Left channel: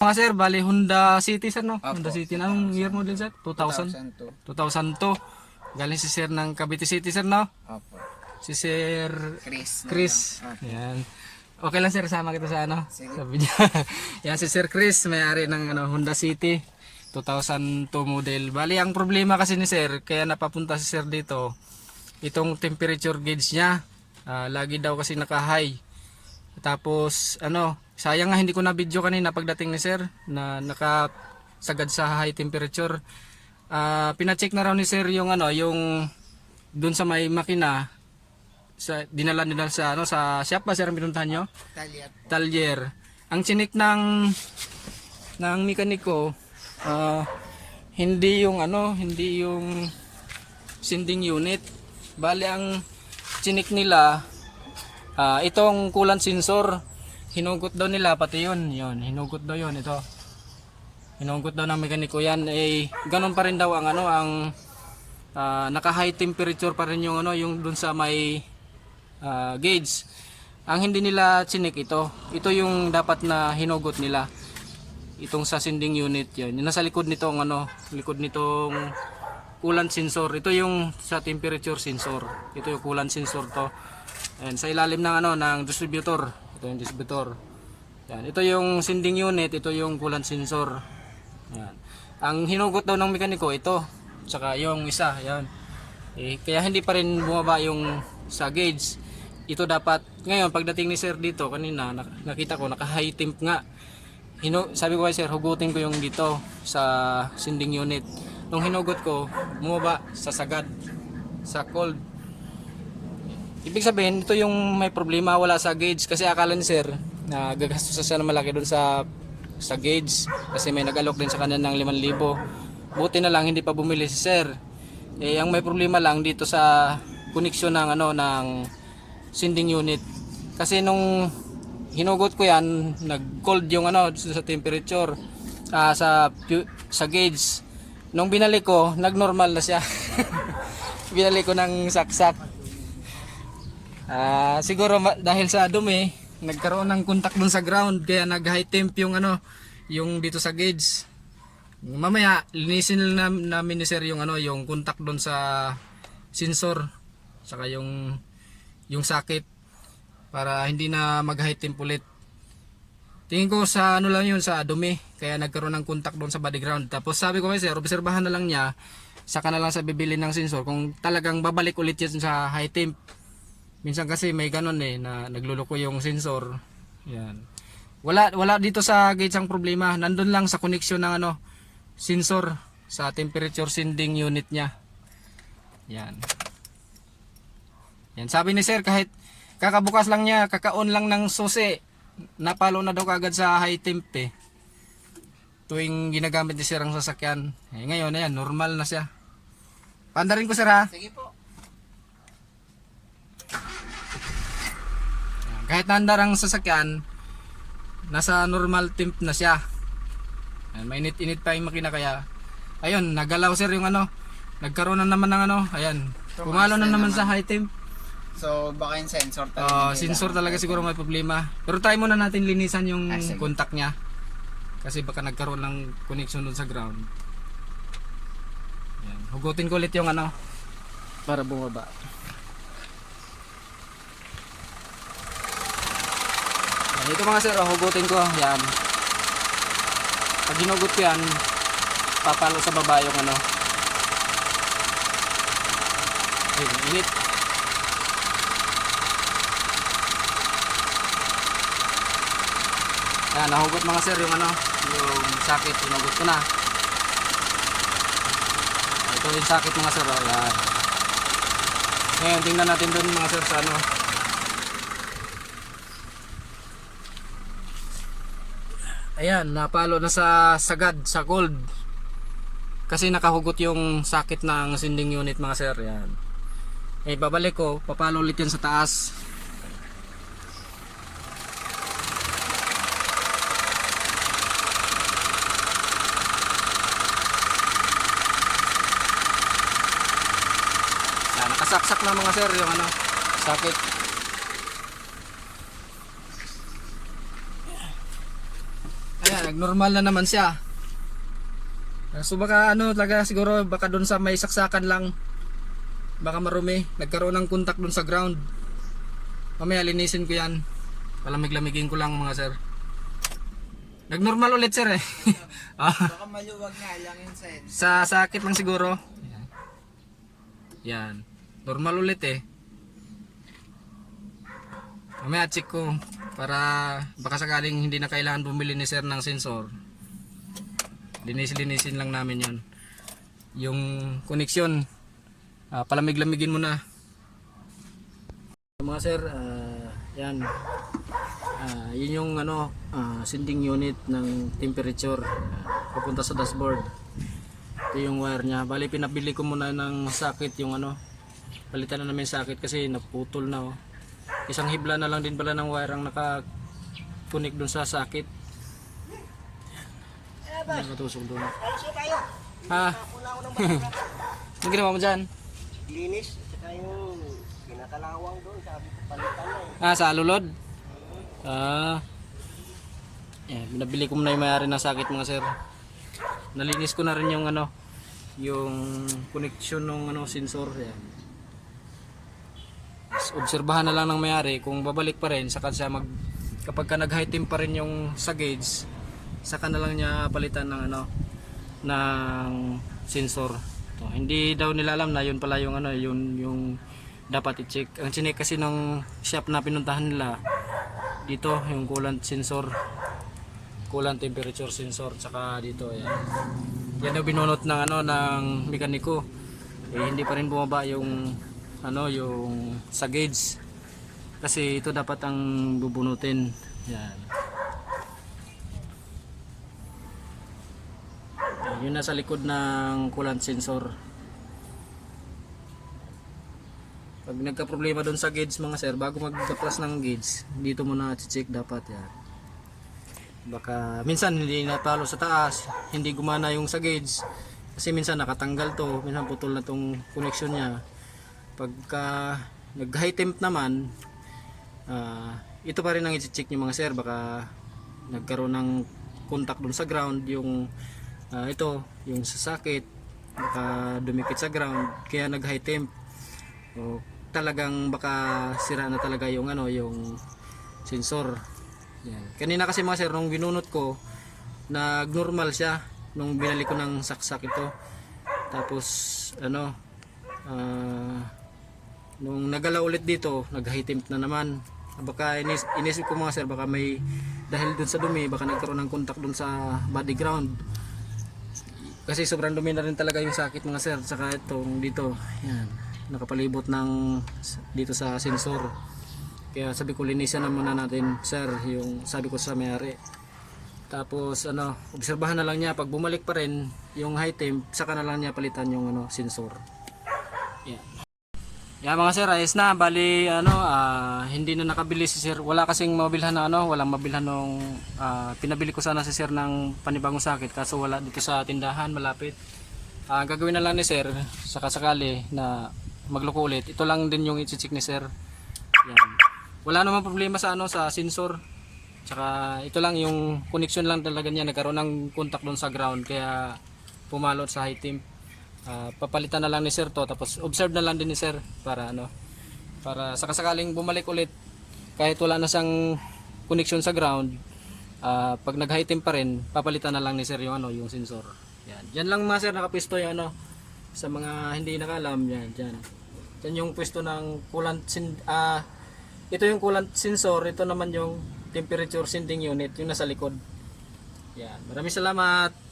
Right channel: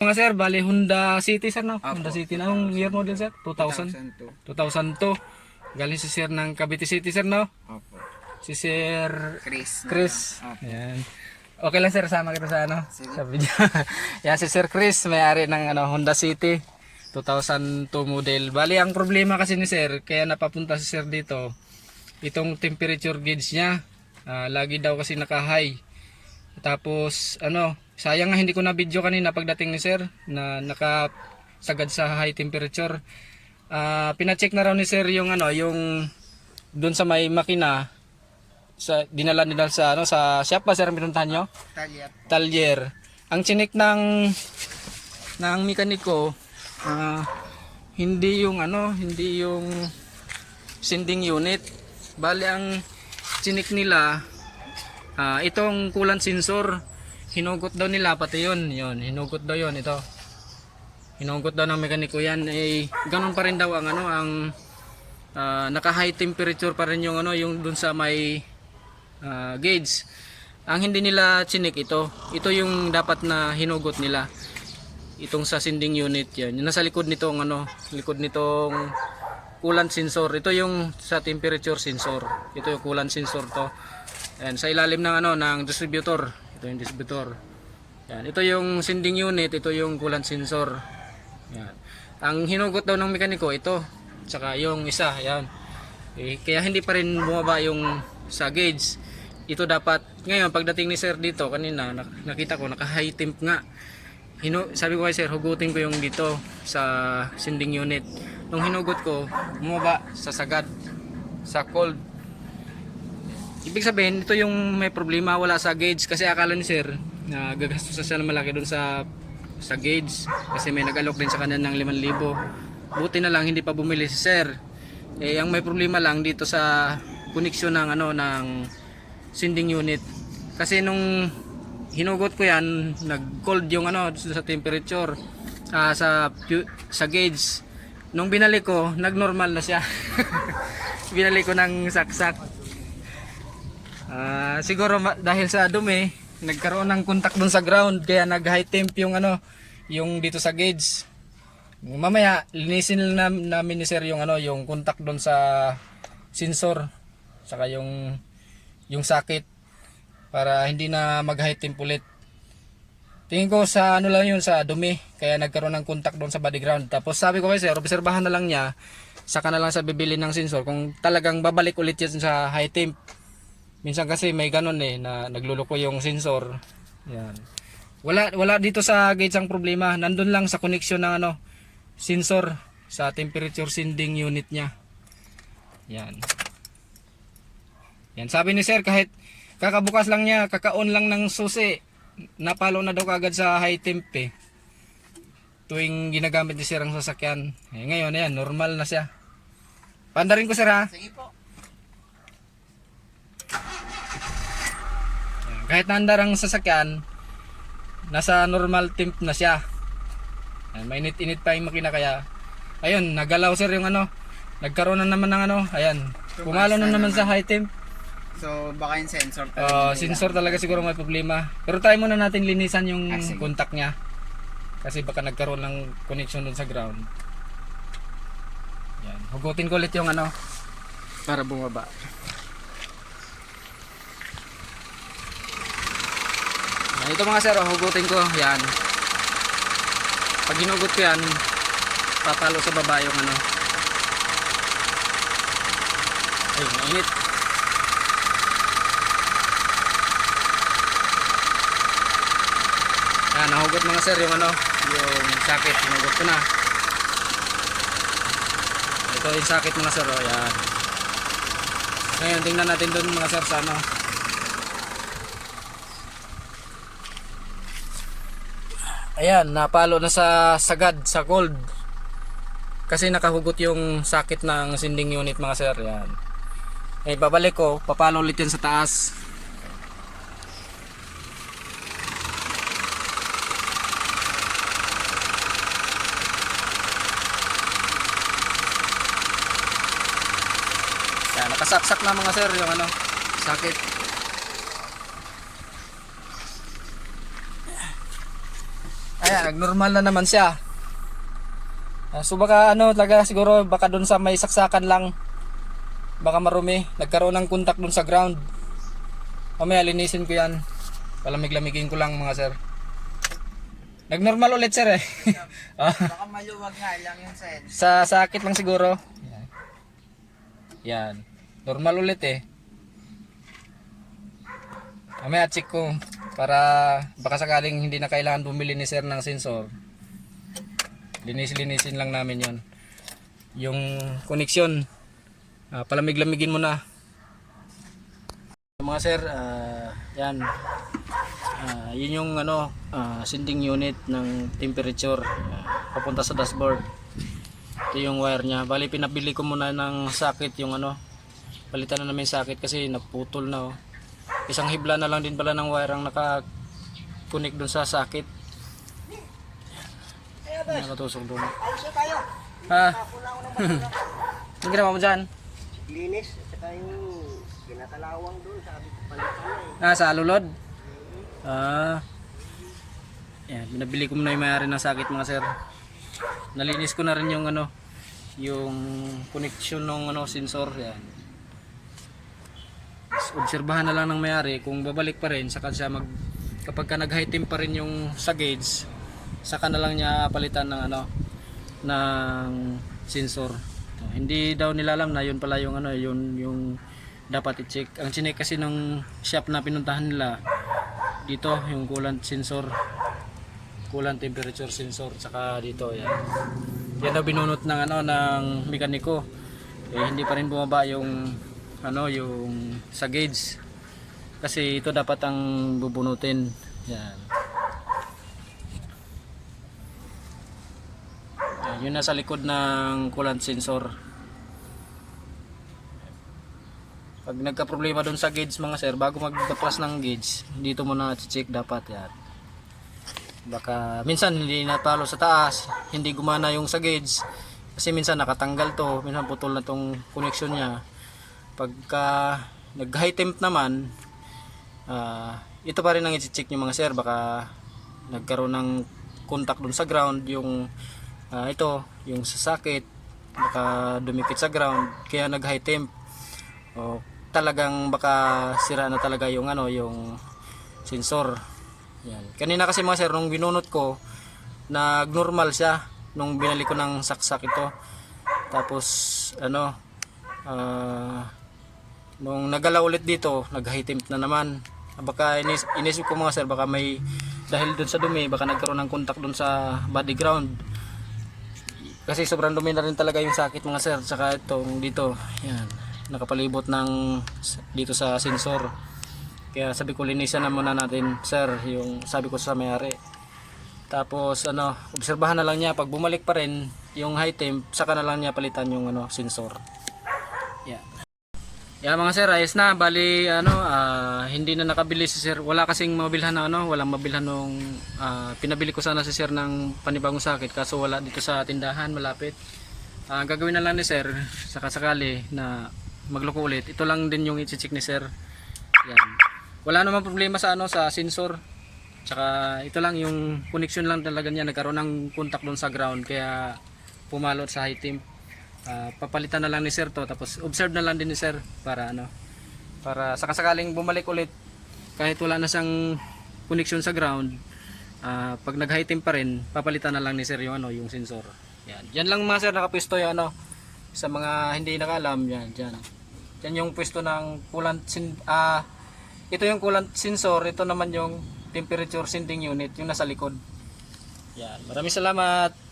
Mga sir, bali Honda City sir no? Apo. Honda City na anong year model sir? 2000? 2002. 2002. Galing si sir ng Cavite City sir no? Opo. Si sir Chris. Chris. Yan. Okay lang sir, sama kita sa ano? Sige. Sa video. Yan si Sir Chris, may-ari ng ano, Honda City 2002 model. Bali ang problema kasi ni Sir, kaya napapunta si Sir dito, itong temperature gauge niya, ah, lagi daw kasi naka-high. Tapos ano, sayang nga hindi ko na video kanina pagdating ni Sir na naka sagad sa high temperature. Ah, pina-check na raw ni Sir yung ano, yung doon sa may makina sa dinala nila sa ano sa shop ba sir ang pinuntahan nyo? Talya po. Talyer. Ang chinik ng ng mekaniko ah, hindi yung ano, hindi yung sending unit. Bali ang chinik nila ah, itong coolant sensor hinugot daw nila pati yun, yun, hinugot daw yun ito. Hinugot daw ng mekaniko yan eh ganun pa rin daw ang ano ang ah, naka high temperature pa rin yung ano yung dun sa may ah, gauge. Ang hindi nila chinik ito. Ito yung dapat na hinugot nila. Itong sa sending unit yan. Yung nasa likod nitong ano, likod nitong coolant sensor. Ito yung sa temperature sensor. Ito yung coolant sensor to. Ayan, sa ilalim ng ano ng distributor. Ito yung distributor. Yan, ito yung sending unit, ito yung coolant sensor. Yan. Ang hinugot daw ng mekaniko ito. Saka yung isa, yan. Eh, kaya hindi pa rin bumaba yung sa gauge. Ito dapat, ngayon pagdating ni sir dito kanina, nak- nakita ko naka high temp nga. Hinu sabi ko kay sir, hugutin ko yung dito sa sending unit. Nung hinugot ko, bumaba sa sagad, sa cold. Ibig sabihin, ito yung may problema wala sa gauge kasi akala ni sir na gagastos siya ng malaki dun sa sa gauge kasi may nag-alok din sa kanya ng 5,000. Buti na lang hindi pa bumili si sir. Eh ang may problema lang dito sa koneksyon ng ano ng sending unit. Kasi nung hinugot ko yan, nag-cold yung ano sa temperature ah, sa sa gauge. Nung binalik ko, nag-normal na siya. binalik ko ng saksak. Ah, siguro dahil sa dumi, nagkaroon ng contact dun sa ground kaya nag high temp yung ano, yung dito sa gauge. Mamaya linisin na namin ni sir yung ano, yung contact dun sa sensor saka yung yung sakit para hindi na mag high temp ulit. Tingin ko sa ano lang yun sa dumi kaya nagkaroon ng contact doon sa body ground. Tapos sabi ko kay sir, obserbahan na lang niya saka na lang sa bibili ng sensor kung talagang babalik ulit yan sa high temp. Minsan kasi may ganun eh na nagluloko yung sensor. Yan. Wala wala dito sa gauge ang problema. Nandun lang sa connection ng ano sensor sa temperature sending unit niya. Yan. Yan sabi ni sir kahit kakabukas lang niya, kakaon lang ng susi, napalo na daw kagad sa high temp eh. Tuwing ginagamit ni sir ang sasakyan. Eh, ngayon ayan, normal na siya. Pandarin ko sir ha. Sige po. Kahit naandar ang sasakyan, nasa normal temp na siya. Ayan, mainit-init pa yung makina kaya. Ayun, nagalaw sir yung ano. Nagkaroon na naman ng ano. Ayan, pumalo na naman sa high temp. So, baka yung sensor Uh, talaga. sensor talaga siguro may problema. Pero try muna natin linisan yung Ah, contact niya. Kasi baka nagkaroon ng connection dun sa ground. Yan. Hugutin ko ulit yung ano para bumaba. Ito mga sir, oh, hugutin ko. Yan. Pag hinugot ko yan, papalo sa baba yung ano. Ay, init. Yan, nahugot mga sir yung ano, yung sakit, hinugot ko na. Ito yung sakit mga sir, oh, yan. Ngayon, tingnan natin doon mga sir sa ano. Ayan, napalo na sa sagad, sa cold. Kasi nakahugot yung sakit ng sending unit mga sir, yan. Eh, babalik ko, papalo ulit yun sa taas. Yan, nakasaksak na mga sir yung ano, sakit. Ayan, nag nag-normal na naman siya. Ah, so baka ano talaga siguro baka doon sa may saksakan lang baka marumi. Nagkaroon ng contact doon sa ground. Mamaya linisin ko yan. Palamig-lamigin ko lang mga sir. Nag-normal ulit sir eh. Ah, Baka maluwag nga lang yung sensor. sa sakit lang siguro. Yan. Normal ulit eh. Mamaya check ko para baka sakaling hindi na kailangan bumili ni sir ng sensor. Linis-linisin lang namin yon. Yung koneksyon, ah, palamig-lamigin mo na. Mga sir, ah, yan. Ah, yun yung ano, ah, sending unit ng temperature ah, papunta sa dashboard. Ito yung wire niya. Bali pinabili ko muna ng socket yung ano. Palitan na namin socket kasi naputol na oh. Isang hibla na lang din pala ng wire ang naka connect doon sa socket. Yan. Nakatusok na tayo. Ha? Wala ko ng basura. Anong ginawa mo dyan? Linis. Saka yung pinakalawang doon. Sabi ko palitan na eh. Ah, sa alulod? Ah. Yan, binabili ko muna yung mayari ng sakit mga sir. Nalinis ko na rin yung ano, yung connection ng ano sensor yan. Obserbahan na lang ng mayari kung babalik pa rin saka siya mag kapag ka nag high pa rin yung sa gauge saka na lang niya palitan ng ano ng sensor. To, hindi daw nila alam na yun pala yung ano yun yung dapat i-check. Ang chinek kasi ng shop na pinuntahan nila dito yung coolant sensor coolant temperature sensor tsaka dito yan yan daw binunot ng ano ng mekaniko eh hindi pa rin bumaba yung ano yung sa gauge. Kasi ito dapat ang bubunutin. Yan. Yun nasa likod ng coolant sensor. Pag nagka problema doon sa gauge mga sir bago mag-plus ng gauge dito muna check dapat yan. Baka minsan hindi natalo sa taas hindi gumana yung sa gauge. Kasi minsan nakatanggal to minsan putol na tong connection niya pagka nag high temp naman ah, ito pa rin ang i-check nyo mga sir. Baka nagkaroon ng contact dun sa ground yung ah, ito yung sa sakit baka dumikit sa ground kaya nag high temp. O talagang baka sira na talaga yung ano yung sensor. Yan. Kanina kasi mga sir nung binunot ko nag normal siya nung binalik ko ng saksak ito. Tapos ano ah nung nagala ulit dito nag high temp na naman. Baka inis, inisip ko mga sir baka may dahil dun sa dumi baka nagkaroon ng contact dun sa body ground. Kasi sobrang dumi na rin talaga yung sakit mga sir. Saka itong dito yan nakapalibot ng dito sa sensor. Kaya sabi ko linisan na muna natin sir yung sabi ko sa mayari. Tapos ano obserbahan na lang niya. Pag bumalik pa rin yung high temp saka na lang niya palitan yung ano sensor. Yan yan mga sir ayos na. Bali ano ah, hindi na nakabili si sir. Wala kasing mabilhan na ano walang mabilhan nung ah, pinabili ko sana si sir ng panibagong sakit. Kaso wala dito sa tindahan malapit. Ang gagawin na lang ni sir saka sakali na magloko ulit. Ito lang din yung i-check ni sir. Yan. Wala naman problema sa ano sa sensor. Tsaka ito lang yung connection lang talaga niya. Nagkaroon ng contact doon sa ground kaya pumalot sa high temp Ah, papalitan na lang ni sir to tapos observe na lang din ni sir para ano para sakasakaling bumalik ulit kahit wala na siyang connection sa ground ah, pag nag high temp pa rin papalitan na lang ni sir yung ano yung sensor. Yan. Yan lang mga sir nakapisto yung ano sa mga hindi nakalam yan dyan. Yan yung pwesto ng coolant sin ah ito yung coolant sensor ito naman yung temperature sending unit yung nasa likod. Yan. Maraming salamat